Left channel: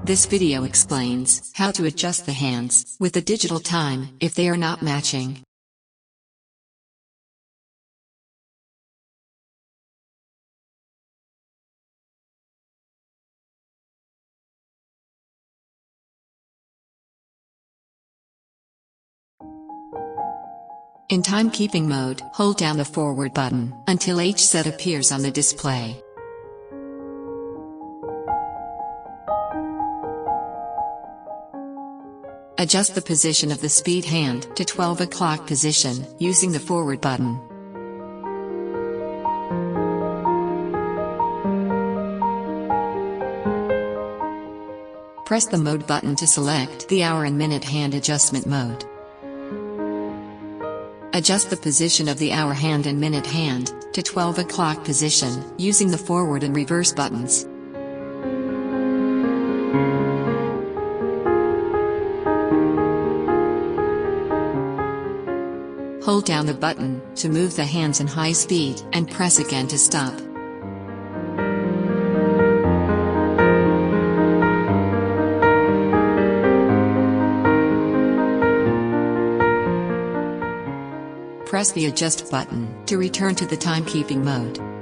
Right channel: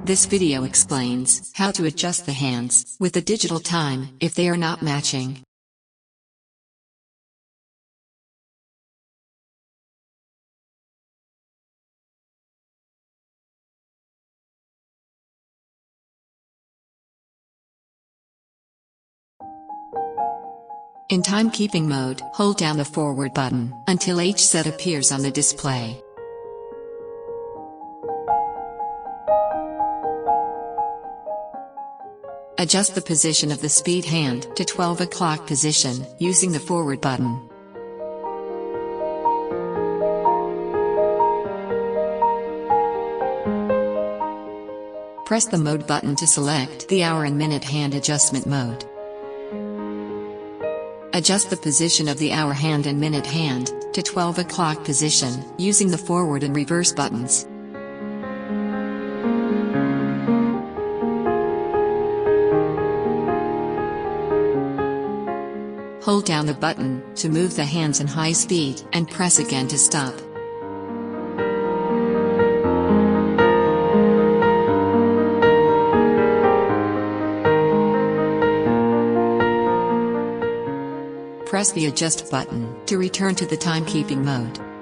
This video explains how to adjust the hands with the digital time if they are not matching. In timekeeping mode, hold down the forward button until each set appears on the display. Adjust the position of the speed hand to 12 o'clock position using the forward button. Press the mode button to select the hour and minute hand adjustment mode. Adjust the position of the hour hand and minute hand to 12 o'clock position using the forward and reverse buttons. Hold down the button to move the hands in high speed and press again to stop. Press the adjust button to return to the timekeeping mode.